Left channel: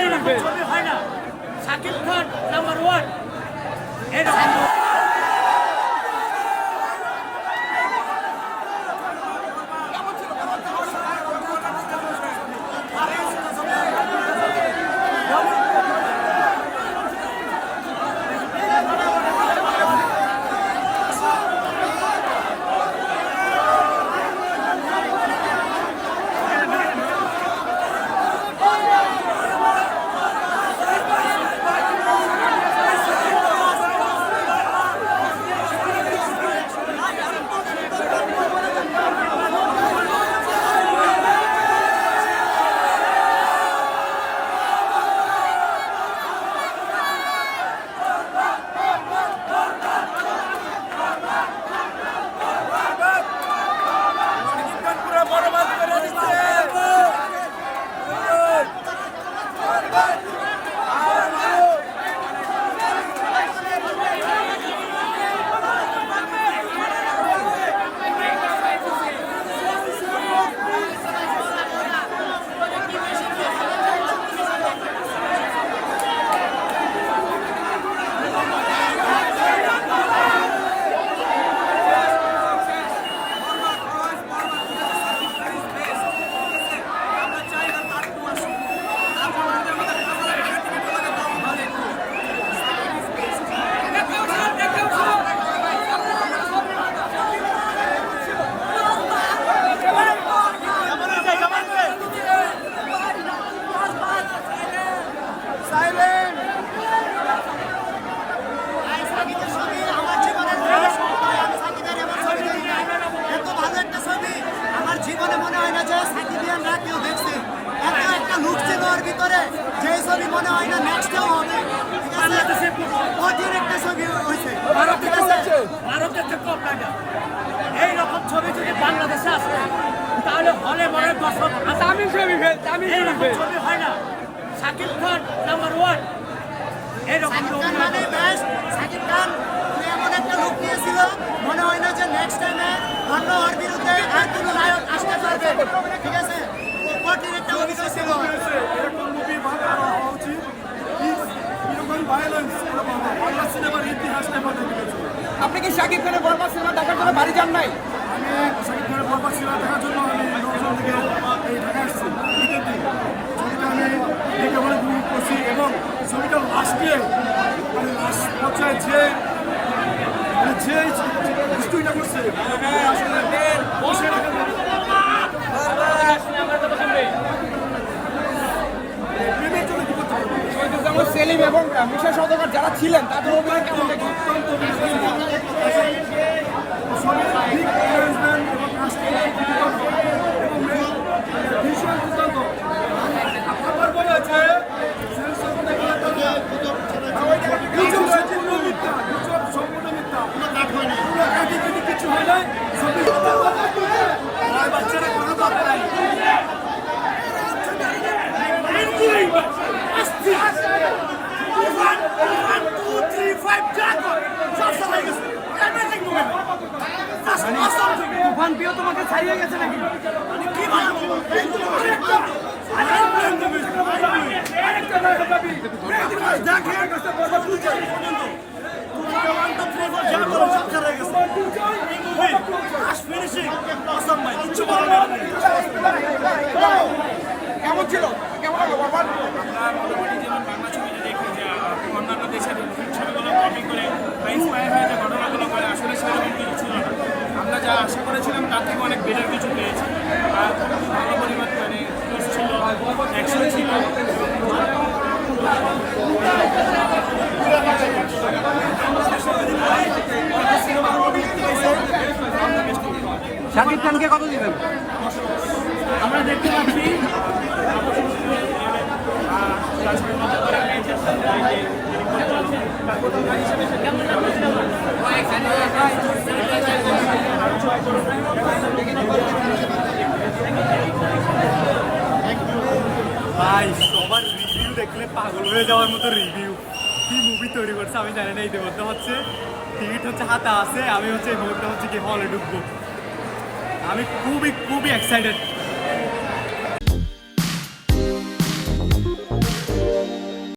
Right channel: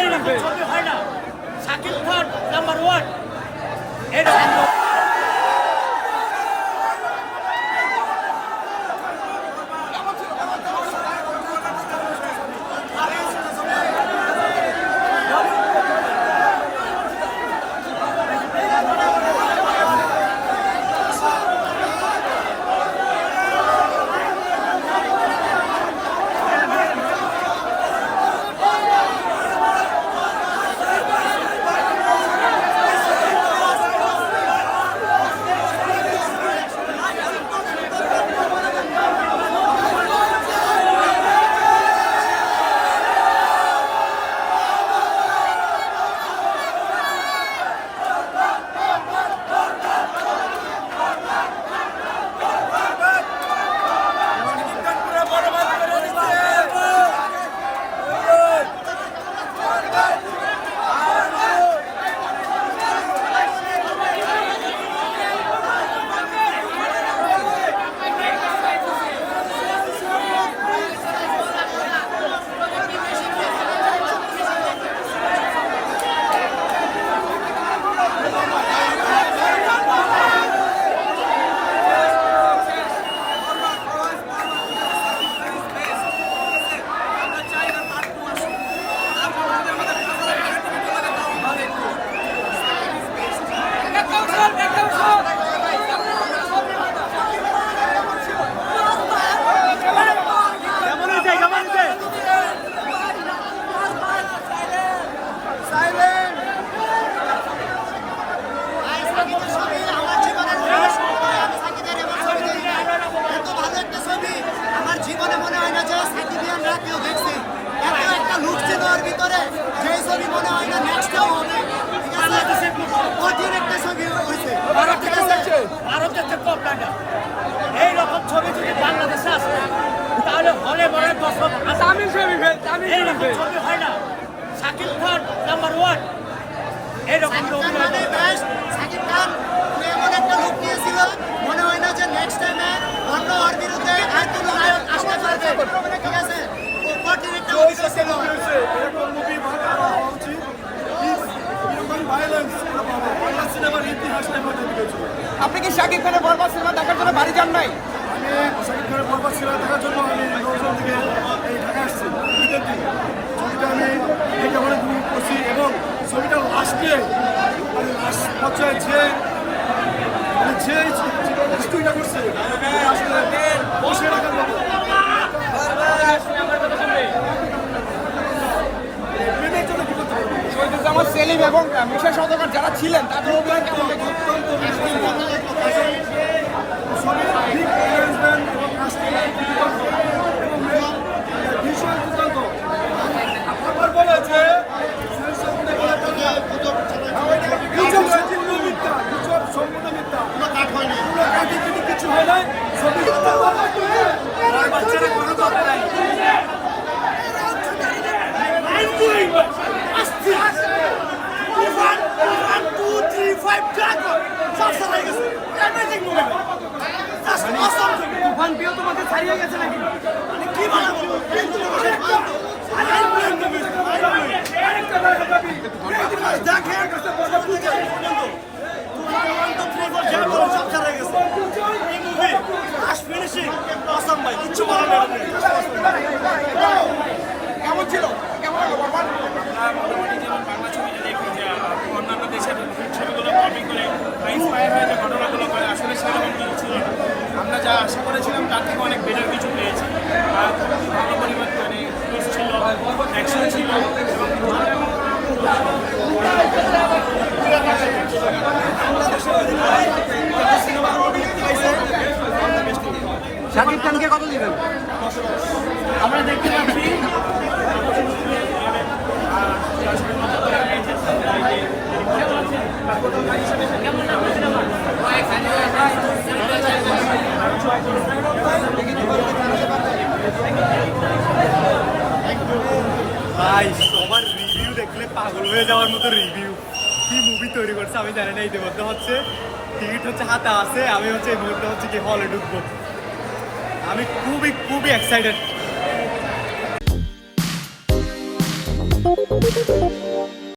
এইরকম ছবি হয় না। শাকিব খান নাম্বার 1 এইরকম জীবনে মনে হয় না যে সাকিবিয়ানরা কেউ দেখছে এত একটা লুক ছিল ওর ভিতরে যে ছবি মনে হয় না নেক্সটেও হবে। বাংলাদেশের কঠিন একটা ছবি হয়েছে ভারতের কম না। এইরকম ছবি যদি বাংলাদেশে আসে তাহলে হলে মনের পছন্দ এইরকম ছবি হয় না। শাকিব খান নাম্বার 1 এইরকম সাকিব খান এমন একটা লুক নিয়েছিল মনে হয় না যে নেক্সট টাইমে অন্য ওর বিরুদ্ধে আর কোনো নায়ক আসতে পারবে। ঠিক আছে, কঠিন একটা অভিযোগ ছিল। এরকম মুভি আরো হওয়া উচিত। এরকম ভায়োলেন্স বাংলা সিনেমার ইতিহাসটা বদলে দিয়েছিল। আপনি কি সাকিব খানের বরবাদ সিনেমা দেখার বাইরে যান নাই? আমি শাকিব খানের বরবাদ সিনেমা দেখার জন্য আমি নজর থেকে ঢাকা আসছি। ছবিটা আমি দেখে অনেক করছি এবং ছবিটার লাস্টে মানে লাস্ট পর্যায়ে যে স্টোরিটা করছে আসলে বসে রাখার প্রেমের জন্য কি করতে পারবো যারা ছিলেন তাদের আমার বলে যে সম্পূর্ণ মিথ্যা কিছু হয় নাই ছবি বাচ্চারা কোনো দরকার তোমাকে ছাড়িয়ে গেছে নাকি কি বানাবো কিচ্ছু কেমন ছিল? আমরা মোটামুটি যেমন বাংলা ছবি যদি দেখি যে অন্যান্য দেশের ছবিগুলো কপি করে বা ইন্সপায়ার হয়ে যে ঘটনাগুলো করে আসলে সেরকম কিছু ছিল না। আমরা যা আশা করেছিলাম তার থেকে অনেক বেটার কিছু পেয়েছি। আর ভালো পরিমাণ মানে ছিল, অ্যাকশন ছিল। শাকিব খানকে কত দিবেন? আমরা দেখতে পাচ্ছি ভাই সবার রিভিউ দেখলে পাগল হয়ে যাওয়ার মতো রিভিউ কি মুভি তৈরি করছে আমি জানি না। ইতিমধ্যে হচ্ছে টিকিট হচ্ছে হাতে আছে, আমি হচ্ছে এই মুহূর্তে হচ্ছে কি হলে ঢুকবো। আমি খুবই খুবই এক্সাইটেড।